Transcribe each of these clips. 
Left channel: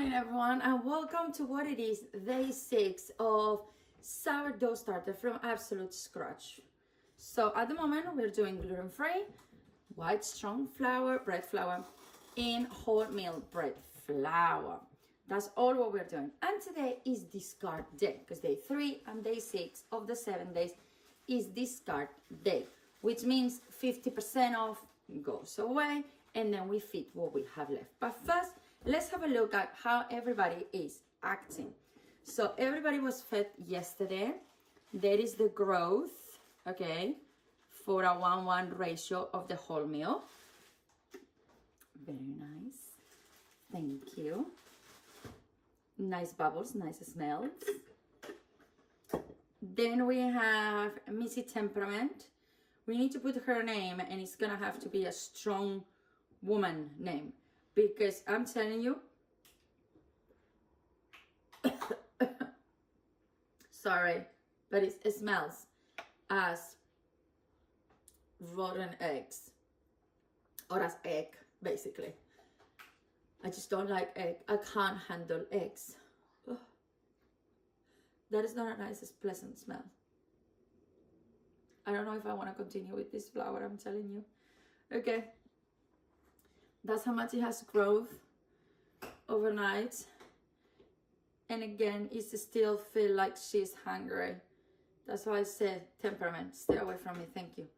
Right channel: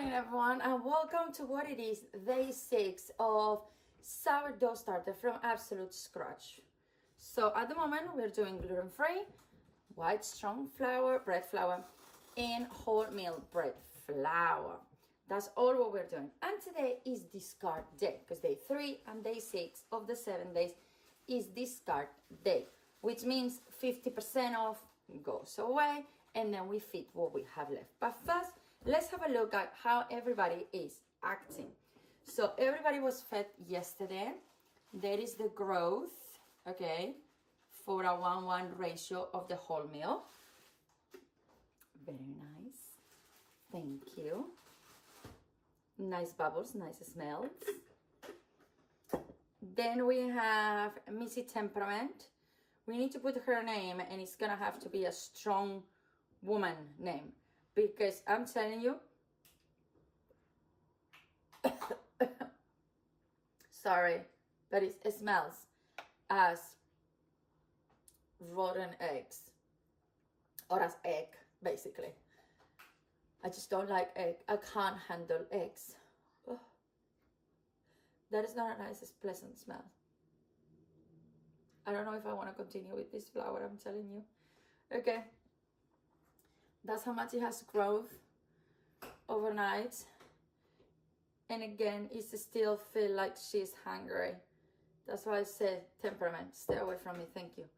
morning, everyone, and welcome to what it is, day 6 of sourdough starter from absolute scratch. So at the moment, we're doing gluten-free, white strong flour, bread flour, and wholemeal bread flour. That's all what we're doing. And today is discard day, because day 3 and day 6 of the 7 days is discard day, which means 50% off goes away, and then we feed what we have left. But first, let's have a look at how everybody is acting. So everybody was fed yesterday. There is the growth, okay, for a 1:1 ratio of the wholemeal. Very nice. Thank you. Nice bubbles, nice smells. Then we have Missy Temperament. We need to put her name, and it's gonna have to be a strong woman name, because I'm telling you, sorry, but it smells as rotten eggs, or as egg, basically. I just don't like egg. I can't handle eggs. Oh. That is not a nice, pleasant smell. I don't know if I want to continue with this flour, I'm telling you. Okay. That's how much it has growth overnight. And again, it still feel like she's hungry. That's why I said temperament. Stay away from me, thank you.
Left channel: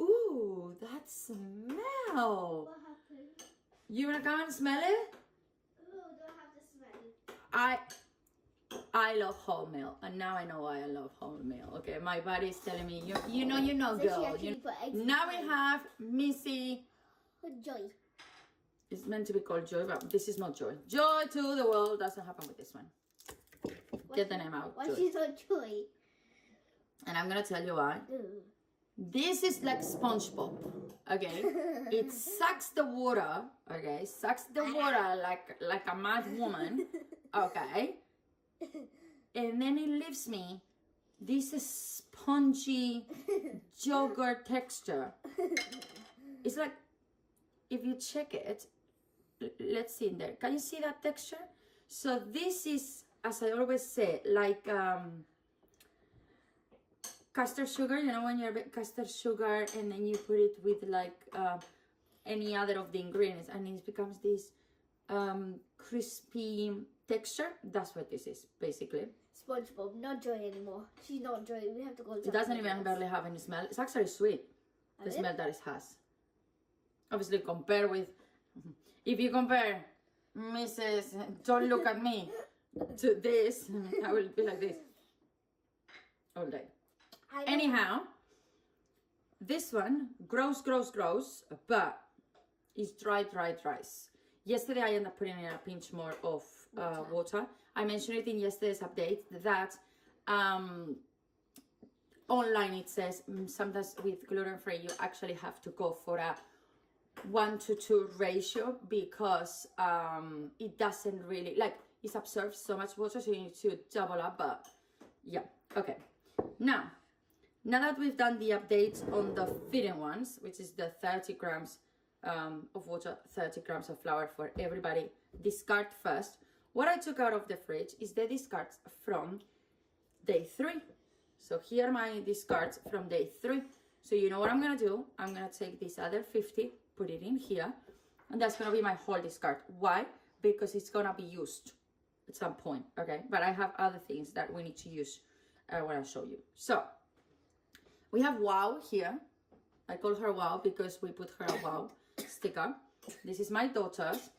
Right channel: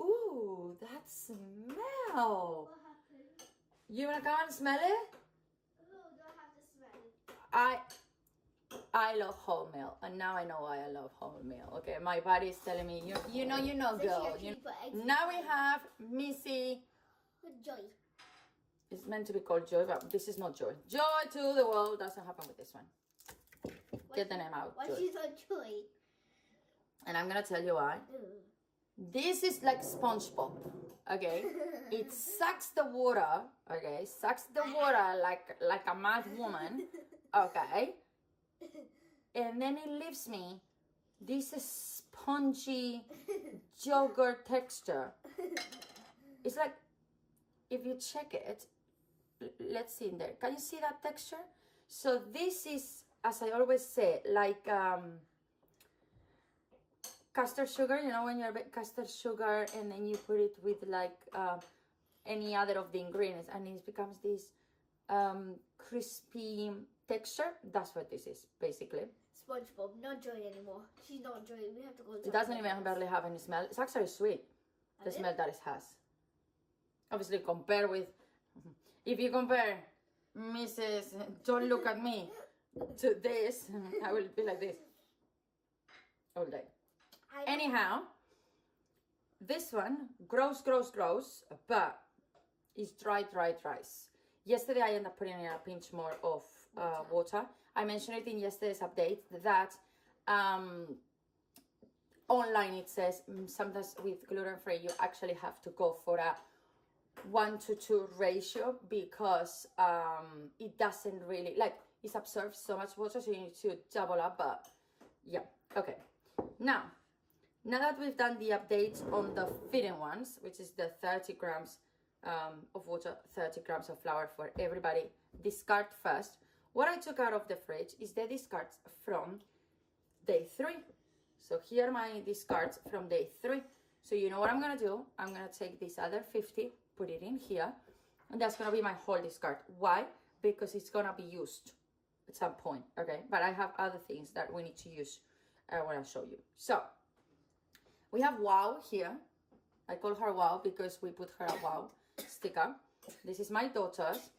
Ooh, that smell. What happened? You wanna come and smell it? Ooh, do I have to smell it? I love wholemeal, and now I know why I love wholemeal. Okay, my body is telling me, you know, So girl. Now we have Missy. Joy. It's meant to be called Joy, but this is not Joy. Joy to the world doesn't happen with this one. Get the name out. Why she's not Joy? And I'm gonna tell you why. This is like SpongeBob, okay? It sucks the water, okay? Sucks the water like a mad woman, okay? And then it leaves me this spongy yogurt texture. It's like, if you check it, let's see in there. Can you see that texture? So this is, as I always say, like custard sugar. You know, when you make custard sugar and then you put it with like any other of the ingredients, and it becomes this crispy texture. That's what this is, basically. SpongeBob, not Joy anymore. She's not Joy. We have to go. It doesn't even barely have any smell. It's actually sweet, the smell that it has. Obviously, compare with, if you compare Mrs. Don't Look at Me to this, I will be like this all day. Anyhow, this one grows, but it's dry. Yesterday, I ended up putting in a pinch more of water. I mentioned it in yesterday's update that online it says sometimes with gluten-free, you actually have to go for a 1:2 ratio, because it doesn't really, like, it absorbs so much water, so you need to double up. But yeah, okay. Now that we've done the update on the feeding ones, which is the 30 grams of water, 30 grams of flour for everybody, discard first. What I took out of the fridge is the discards from day 3. So here are my discards from day 3. So you know what I'm gonna do? I'm gonna take this other 50, put it in here, and that's gonna be my whole discard. Why? Because it's gonna be used at some point, okay? But I have other things that we need to use when I show you. So we have Wow here. I call her Wow because we put her a Wow sticker. This is my daughter's,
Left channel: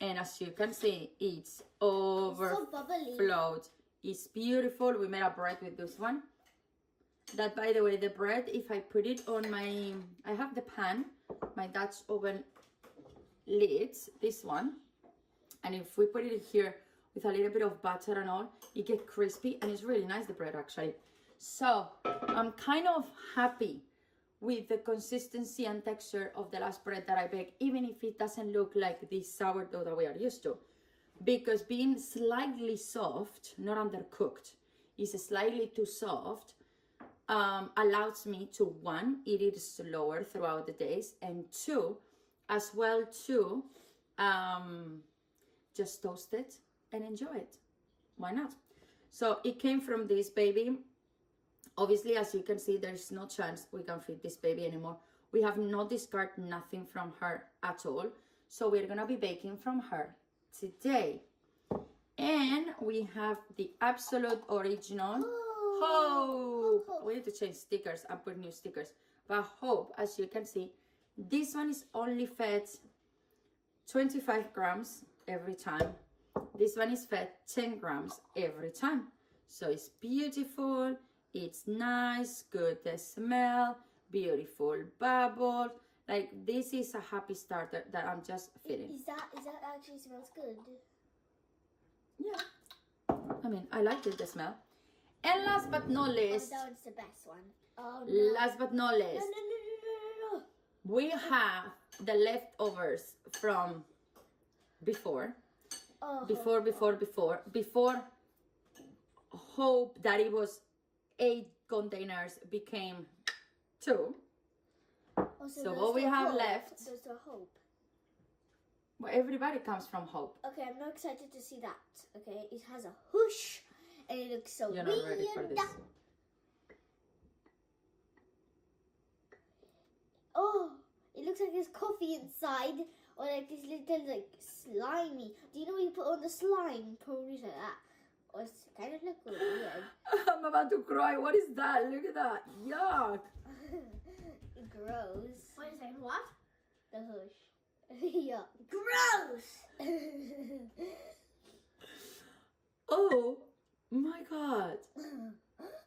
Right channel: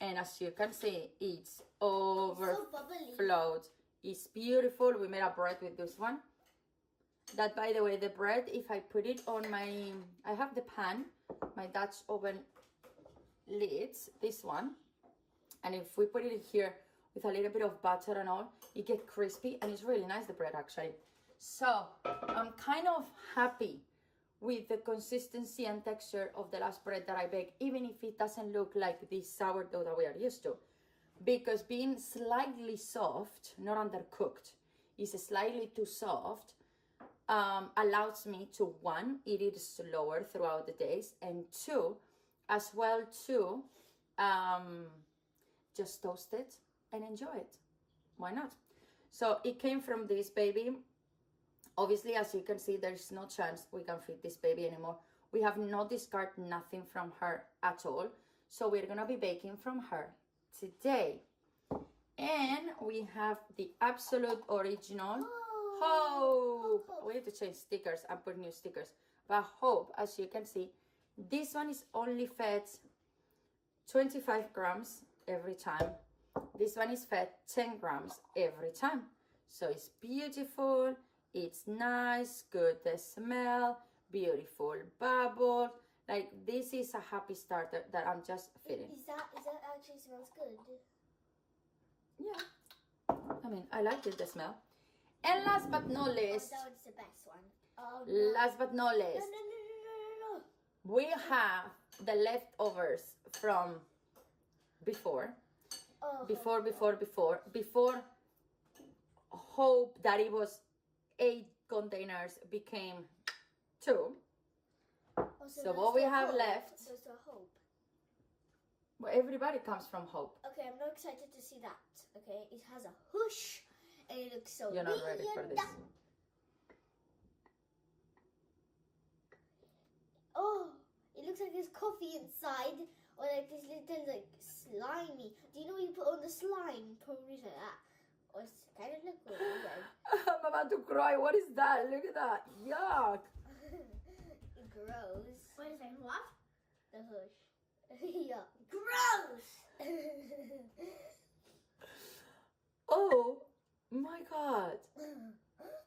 and as you can see, it's overflowed. It's beautiful. We made a bread with this one. That, by the way, the bread, if I put it on I have the pan, my Dutch oven lids, this one, and if we put it here with a little bit of butter and all, it gets crispy, and it's really nice, the bread, actually. So I'm kind of happy with the consistency and texture of the last bread that I baked, even if it doesn't look like this sourdough that we are used to, because being slightly soft, not undercooked, is slightly too soft, allows me to, 1, eat it slower throughout the days, and 2, as well, to just toast it and enjoy it. Why not? So it came from this baby. Obviously, as you can see, there's no chance we can feed this baby anymore. We have not discarded nothing from her at all. So we're gonna be baking from her today. And we have the absolute original Hope. We need to change stickers and put new stickers. But Hope, as you can see, this one is only fed 25 grams every time. This one is fed 10 grams every time. So it's beautiful, it's nice, good smell, beautiful bubble. Like, this is a happy starter that I'm just feeding. Is that actually smells good? Yeah. I mean, I like the smell. And last but not least. Oh, that one's the best one. Oh, no. Last but not least. No. We have the leftovers from before. Oh, Before Hope that it was 8 containers became 2. Oh, so what we have left. There's the Hope. Well, everybody comes from Hope. Okay, I'm not excited to see that. Okay, it has a whoosh and it looks so You're not ready for this. Oh, it looks like there's coffee inside, or like this little like slimy. Do you know what you put on the slime? Probably like that. Or it's kind of look weird. I'm about to cry. What is that? Look at that. Yuck. Gross. Wait a second, what? The hush. Yeah. Gross! Oh my God.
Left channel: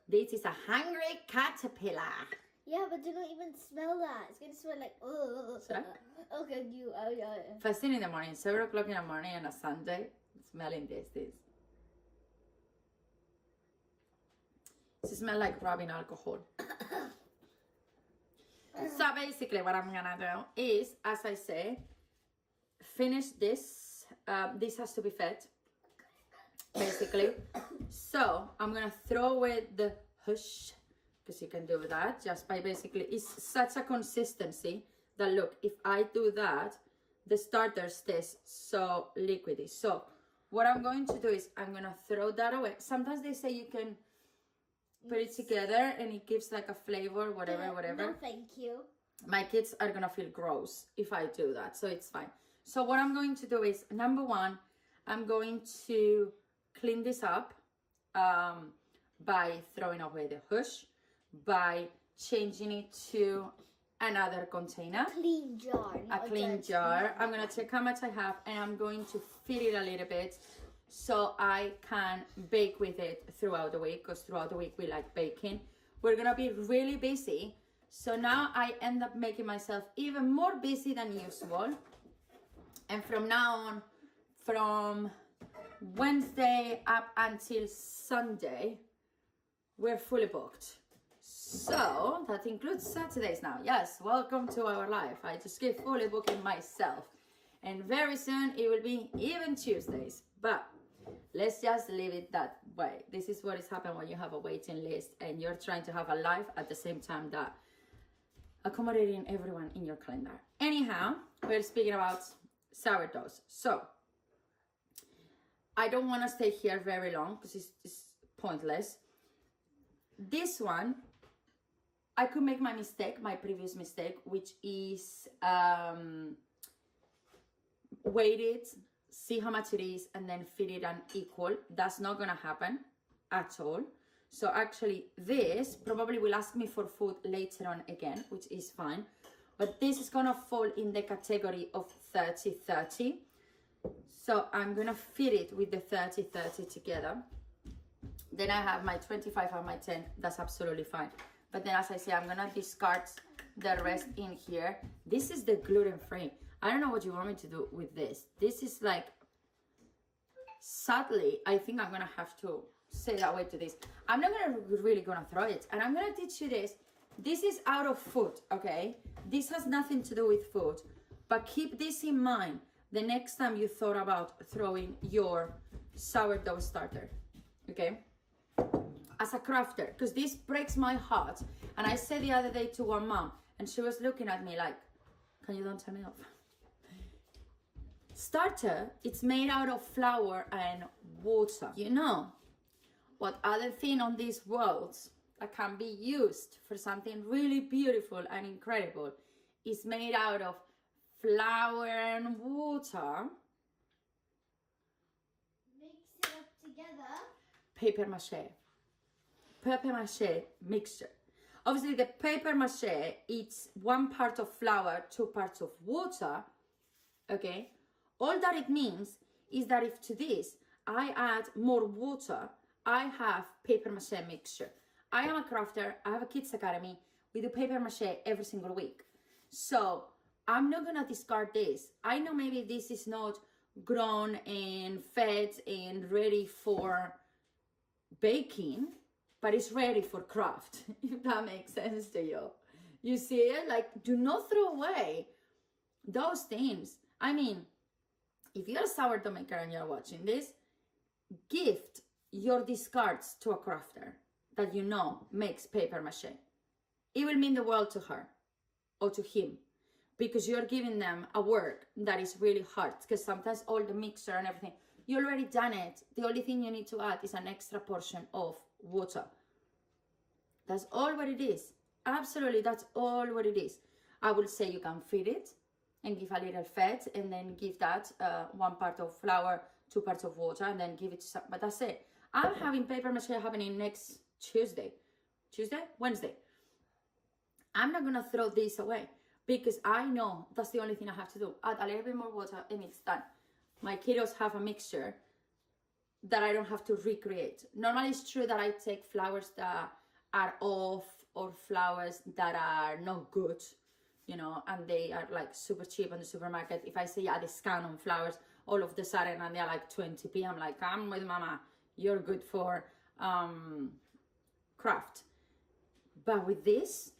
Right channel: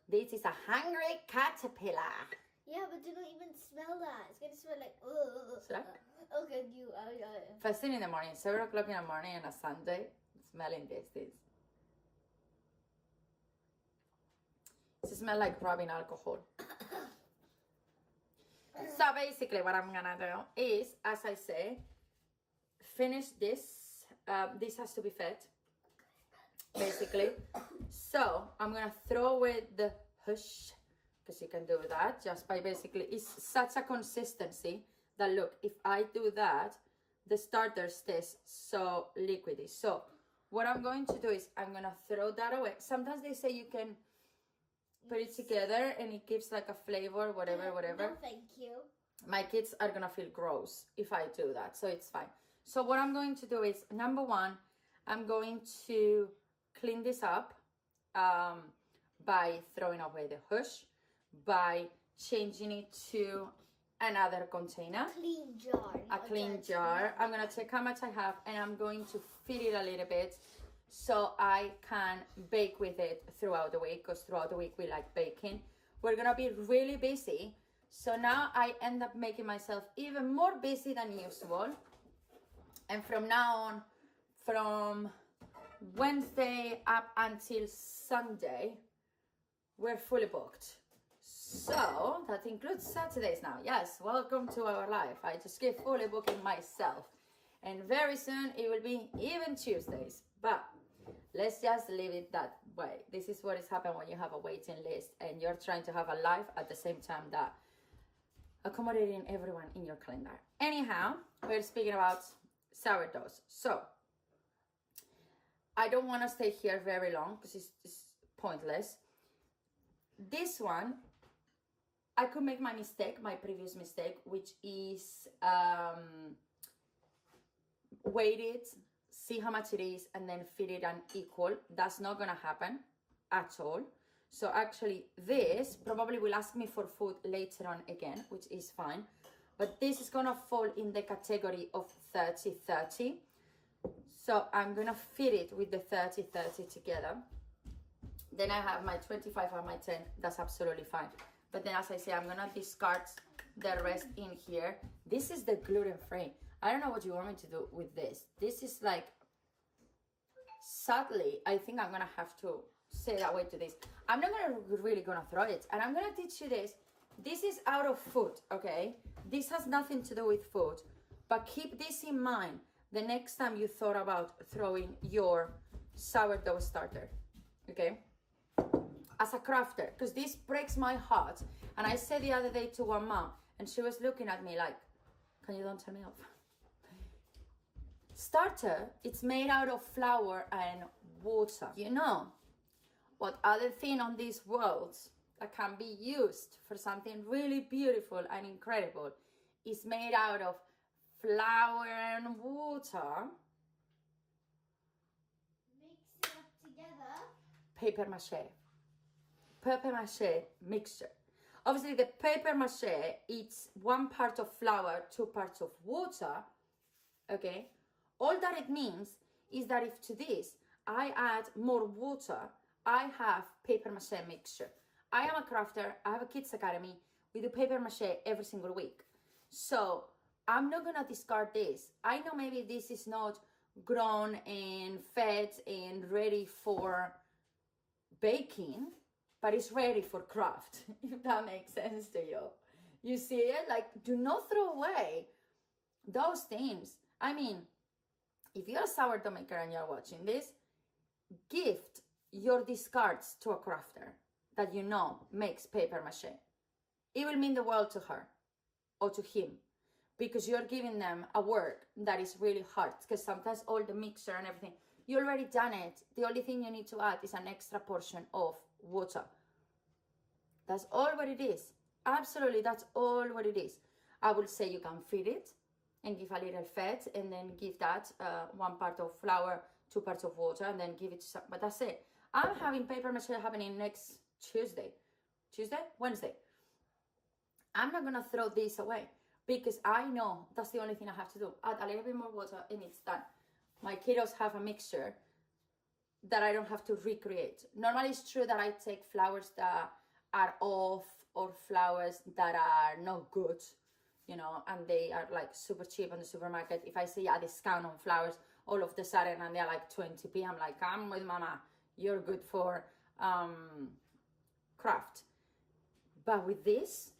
This is a hungry caterpillar. Yeah, but do not even smell that. It's gonna smell like, ugh. Should I? Okay, you, yeah. First thing in the morning, 7 o'clock in the morning on a Sunday, smelling this. It smells like rubbing alcohol. So basically what I'm gonna do is, as I say, finish this. This has to be fed, basically. So I'm gonna throw away the hush, because you can do that just by basically, it's such a consistency that look, if I do that, the starter stays so liquidy. So what I'm going to do is I'm gonna throw that away. Sometimes they say you can put it together and it gives like a flavor, whatever. No, thank you. My kids are gonna feel gross if I do that, so it's fine. So what I'm going to do is, number one, I'm going to clean this up by throwing away the hush, by changing it to another container. Clean jar. A clean jar. I'm gonna take how much I have and I'm going to feed it a little bit so I can bake with it throughout the week, because throughout the week we like baking. We're gonna be really busy, so now I end up making myself even more busy than usual. And from now on, from Wednesday up until Sunday, we're fully booked. So that includes Saturdays now. Yes, welcome to our life. I just keep fully booking myself. And very soon it will be even Tuesdays. But let's just leave it that way. This is what is happening when you have a waiting list and you're trying to have a life at the same time that accommodating everyone in your calendar. Anyhow, we're speaking about sourdoughs. So I don't want to stay here very long because it's pointless. This one, I could make my previous mistake, which is weight it, see how much it is, and then feed it unequal. That's not gonna happen at all. So actually this probably will ask me for food later on again, which is fine. But this is gonna fall in the category of 30-30. So I'm gonna feed it with the 30-30 together. Then I have my 25 and my 10, that's absolutely fine. But then as I say, I'm gonna discard the rest in here. This is the gluten-free. I don't know what you want me to do with this. This is like, sadly, I think I'm gonna have to say that way to this. I'm not really gonna throw it. And I'm gonna teach you this. This is out of food, okay? This has nothing to do with food. But keep this in mind the next time you thought about throwing your sourdough starter, okay? As a crafter, because this breaks my heart. And I said the other day to one mom, and she was looking at me like, can you don't turn me off? starter, it's made out of flour and water. You know what other thing on this world that can be used for something really beautiful and incredible is made out of flour and water? Mix it up together. Paper mache. Paper mache mixture. Obviously, the paper mache, it's 1 part of flour, 2 parts of water, okay? All that it means is that if to this I add more water, I have paper mache mixture. I am a crafter, I have a kids academy, we do paper mache every single week. So I'm not gonna discard this. I know maybe this is not grown and fed and ready for baking, but it's ready for craft, if that makes sense to you. You see it? Like, do not throw away those things. I mean, if you're a sourdough maker and you're watching this, gift your discards to a crafter that you know makes paper mache. It will mean the world to her or to him, because you're giving them a work that is really hard, because sometimes all the mixer and everything, you already done it. The only thing you need to add is an extra portion of water. That's all what it is. Absolutely, that's all what it is. I will say you can feed it and give a little fed, and then give that 1 part of flour, 2 parts of water, and then give it to some, but that's it. I'm having paper mache happening next Wednesday. I'm not gonna throw this away, because I know that's the only thing I have to do. Add a little bit more water and it's done. My kiddos have a mixture that I don't have to recreate. Normally it's true that I take flours that are off or flours that are not good, you know, and they are like super cheap in the supermarket. If I say a discount on flours, all of the sudden, and they're like 20p, I'm like, I'm with mama, you're good for craft. But with this,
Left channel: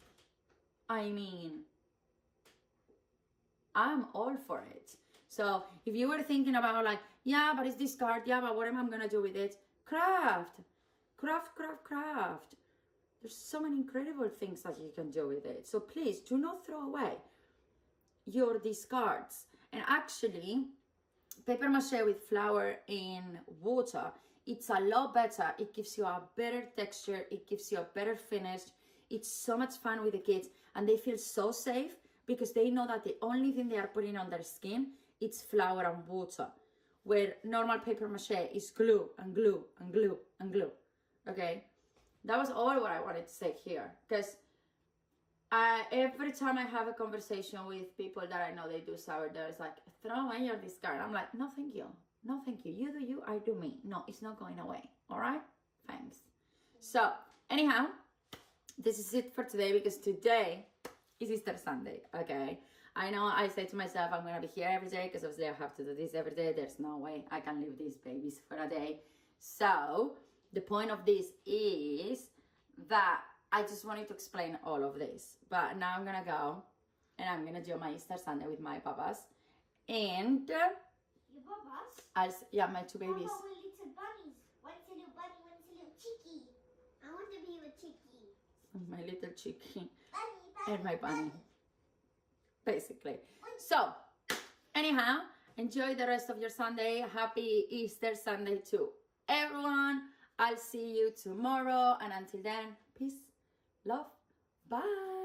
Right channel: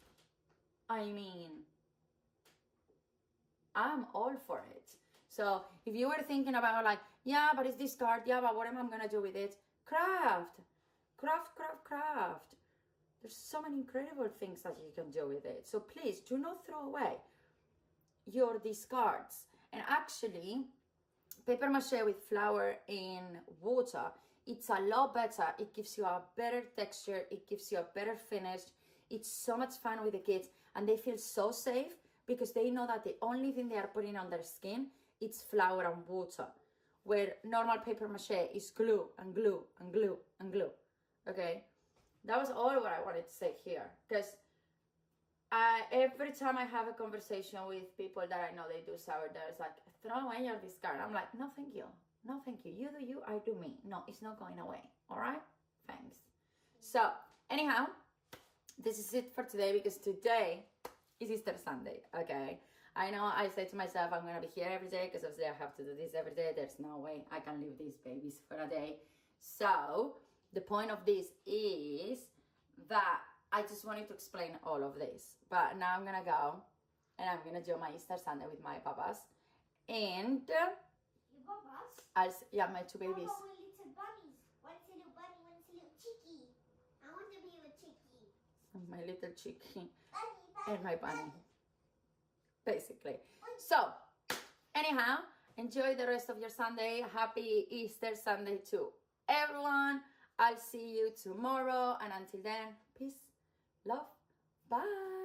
I mean, I'm all for it. So if you were thinking about like, yeah, but it's discard, yeah, but what am I gonna do with it? Craft. There's so many incredible things that you can do with it. So please do not throw away your discards. And actually, paper mache with flour and water, it's a lot better. It gives you a better texture. It gives you a better finish. It's so much fun with the kids, and they feel so safe because they know that the only thing they are putting on their skin is flour and water, where normal paper mache is glue and glue and glue and glue. Okay, that was all what I wanted to say here, because every time I have a conversation with people that I know they do sourdough, it's like, throw away your discard. I'm like, no thank you, no thank you, you do you, I do me. No, it's not going away. All right, thanks. So anyhow, this is it for today, because today is Easter Sunday. Okay, I know I say to myself I'm gonna be here every day, because obviously I have to do this every day. There's no way I can leave these babies for a day. So the point of this is that I just wanted to explain all of this, but now I'm gonna go and I'm gonna do my Easter Sunday with my papas, and Your papas? yeah, my 2 babies. How about my little bunnies? One's a little bunny, one's a little chickie. I want to be with chickie. My little chickie Bunny. and my bunny, basically. So anyhow, enjoy the rest of your Sunday. Happy Easter Sunday to everyone. I'll see you tomorrow, and until then, peace, love, bye.